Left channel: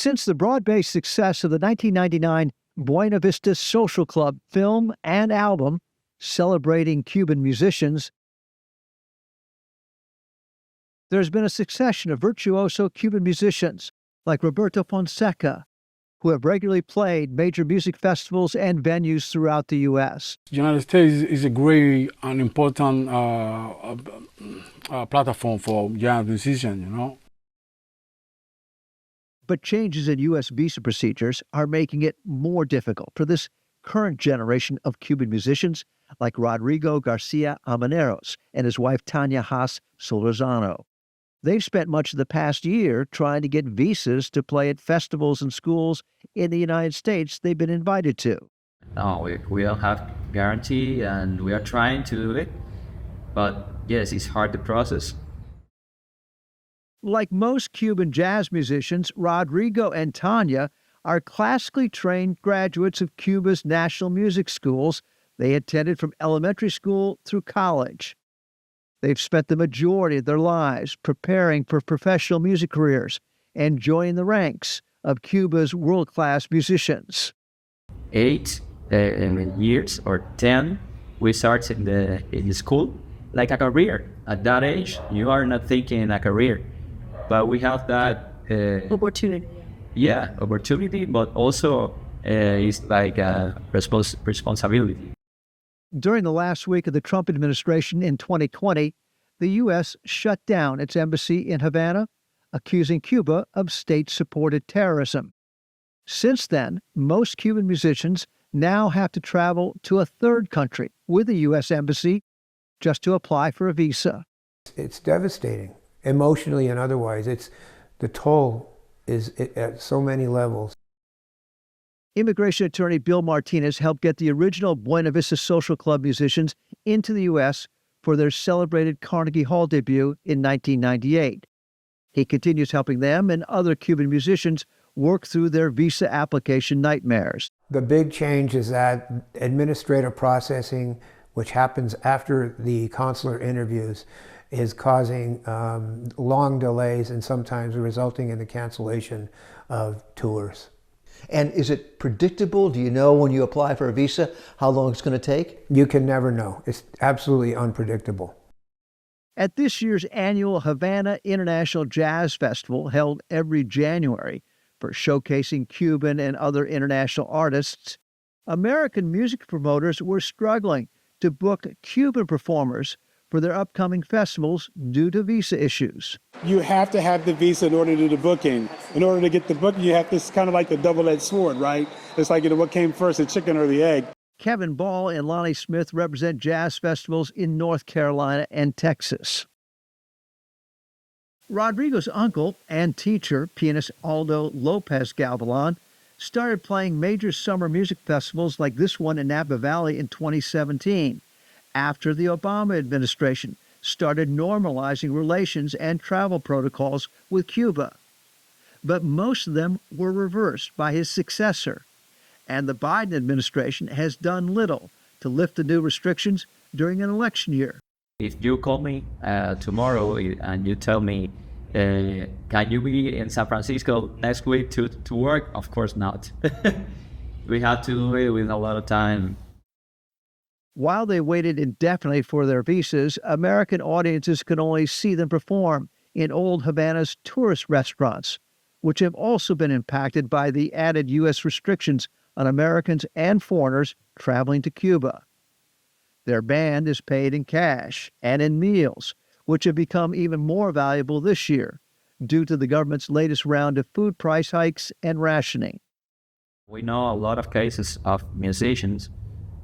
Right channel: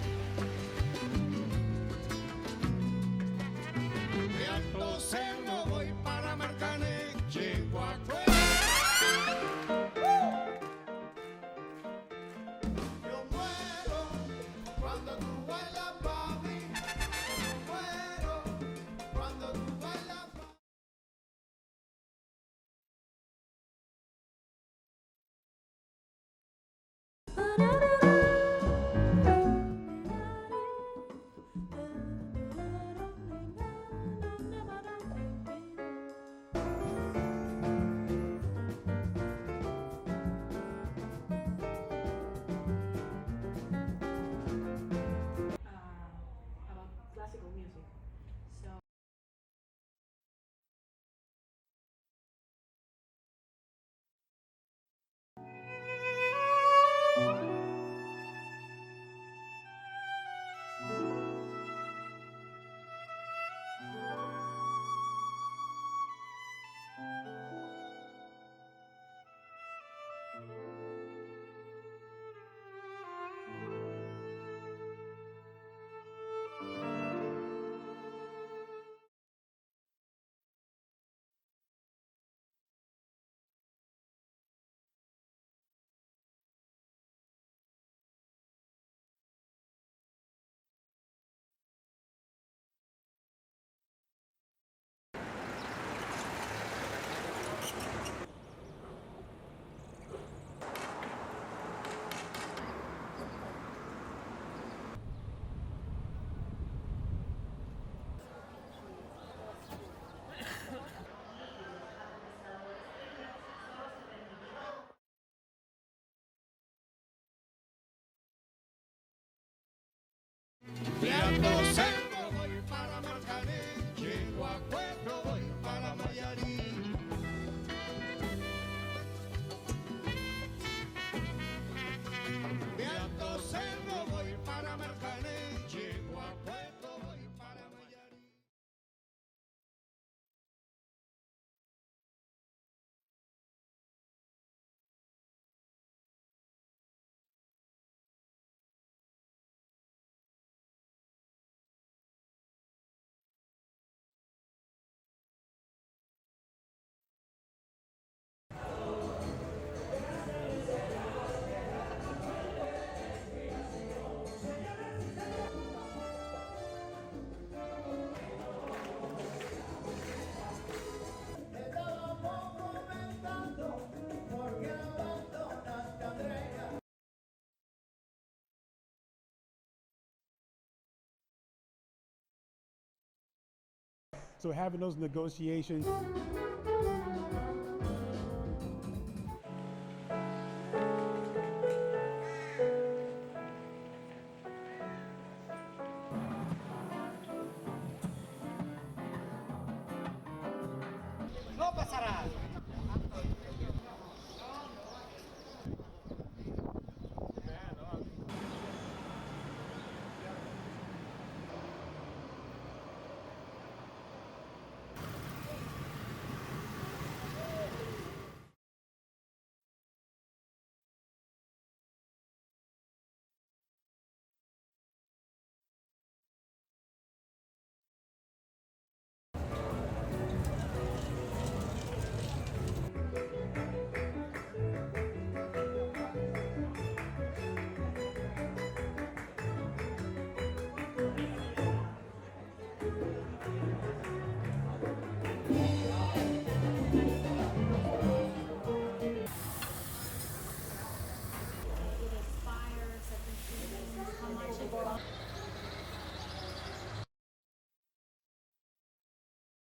Since the broad-based success of the 1999 Buena Vista Social Club film and album celebrating Cuban musicians, there's been a succession of virtuoso Cuban musicians like Roberto Fonseca, who have regularly played major music festivals and venues throughout the U.S. The United States is a great and important platform for jazz musicians, you know. But changes in U.S. visa procedures are making it more difficult for this current generation of Cuban musicians like Rodrigo Garcia Amaneros and his wife Tanya Haas Solorzano. They've spent much of the past year trying to get visas to play at festivals and schools in the United States they've been invited to. No, we don't have guarantee, and we are trying to do it. But yes, it's hard to process. Like most Cuban jazz musicians, Rodrigo and Tanya are classically trained graduates of Cuba's national music schools. They attended from elementary school through college. They've spent the majority of their lives preparing for professional music careers and joining the ranks of Cuba's world-class musicians. 8 years or 10, we started in the school like a career. At that age, you are not thinking a career, but we have that opportunity. Yeah, opportunity, but also it's like a responsibility. During the last week of the Trump administration in 2020, the U.S. shut down its embassy in Havana, accusing Cuba of state-supported terrorism. Since then, most Cuban musicians now have to travel to a third country with a U.S. embassy just to apply for a visa. It's devastating, emotionally and otherwise. The toll is at so many levels. Immigration attorney Bill Martinez helped get the original Buena Vista Social Club musicians into the U.S. for their celebrated Carnegie Hall debut in 1998. He continues helping them and other Cuban musicians work through their visa application nightmares. The big change is that administrative processing, which happens after the consular interviews, is causing long delays and sometimes resulting in the cancellation of tours. And is it predictable? Do you know when you apply for a visa how long it's going to take? You can never know. It's absolutely unpredictable. At this year's annual Havana International Jazz Festival, held every January for showcasing Cuban and other international artists, American music promoters were struggling to book Cuban performers for their upcoming festivals due to visa issues. You have to have the visa in order to do the booking. In order to get the booking, you have this kind of like the double-edged sword, right? It's like, what came first, the chicken or the egg? Kevin Ball and Lonnie Smith represent jazz festivals in North Carolina and Texas. Rodrigo's uncle and teacher, pianist Aldo Lopez Galvan, started playing major summer music festivals like this one in Napa Valley in 2017, after the Obama administration started normalizing relations and travel protocols with Cuba. But most of them were reversed by his successor, and the Biden administration has done little to lift the new restrictions during an election year. If you call me tomorrow and you tell me, can you be in San Francisco next week to work? Of course not. We have to do it with a lot of time. While they waited indefinitely for their visas, American audiences could only see them perform in old Havana's tourist restaurants, which have also been impacted by the added U.S. restrictions on Americans and foreigners traveling to Cuba. Their band is paid in cash and in meals, which have become even more valuable this year due to the government's latest round of food price hikes and rationing. We know a lot of cases of musicians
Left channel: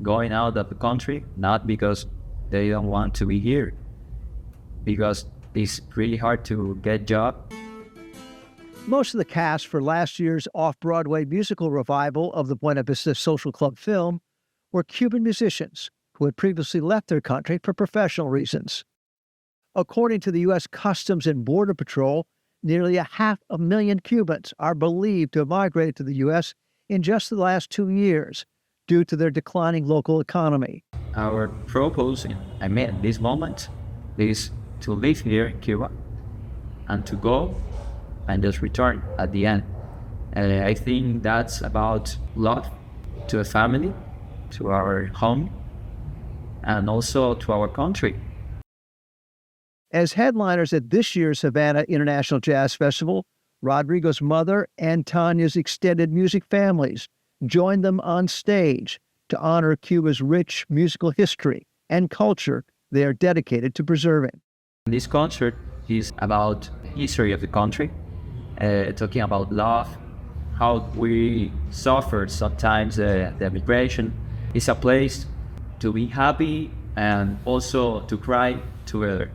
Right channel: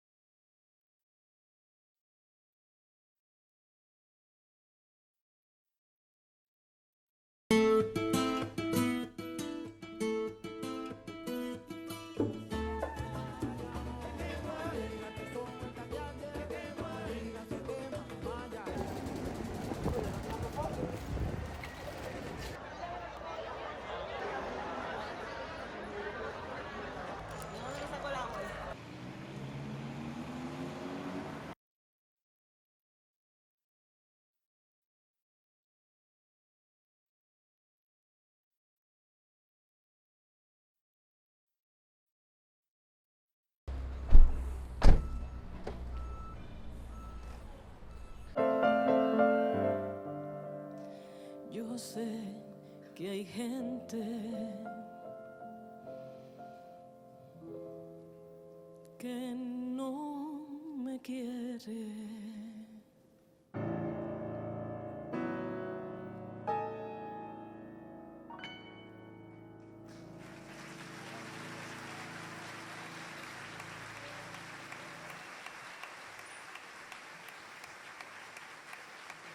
going out of the country, not because they don't want to be here, because it's really hard to get jobs. Most of the cast for last year's off-Broadway musical revival of the Buena Vista Social Club film were Cuban musicians who had previously left their country for professional reasons. According to the U.S. Customs and Border Patrol, nearly 500,000 Cubans are believed to have migrated to the U.S. in just the last 2 years due to their declining local economy. Our proposal, this moment, is to live here in Cuba and to go and just return at the end. I think that's about love to a family, to our home, and also to our country. As headliners at this year's Havana International Jazz Festival, Rodrigo's mother and Tanya's extended music families joined them on stage to honor Cuba's rich musical history and culture they are dedicated to preserving. This concert is about the history of the country, talking about love, how we suffered sometimes the migration. It's a place to be happy and also to cry together.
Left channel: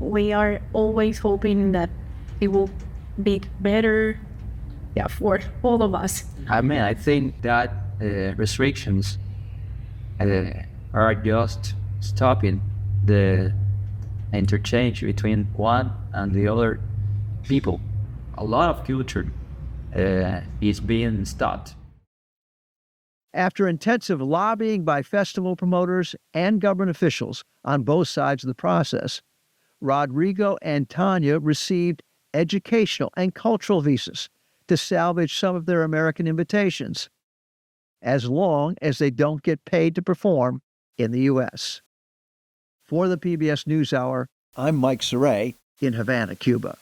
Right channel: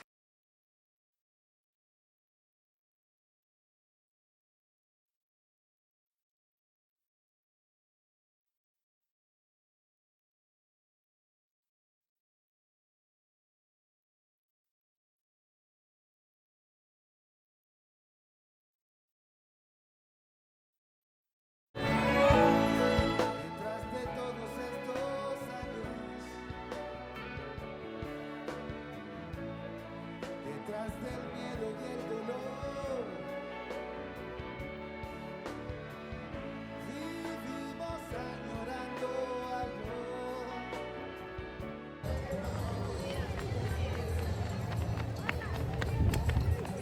We are always hoping that it will be better, for all of us. I mean, I think that restrictions are just stopping the interchange between one and the other people. A lot of culture is being stopped. After intensive lobbying by festival promoters and government officials on both sides of the process, Rodrigo and Tanya received educational and cultural visas to salvage some of their American invitations, as long as they don't get paid to perform in the U.S. For the PBS NewsHour, I'm Mike Cerre in Havana, Cuba.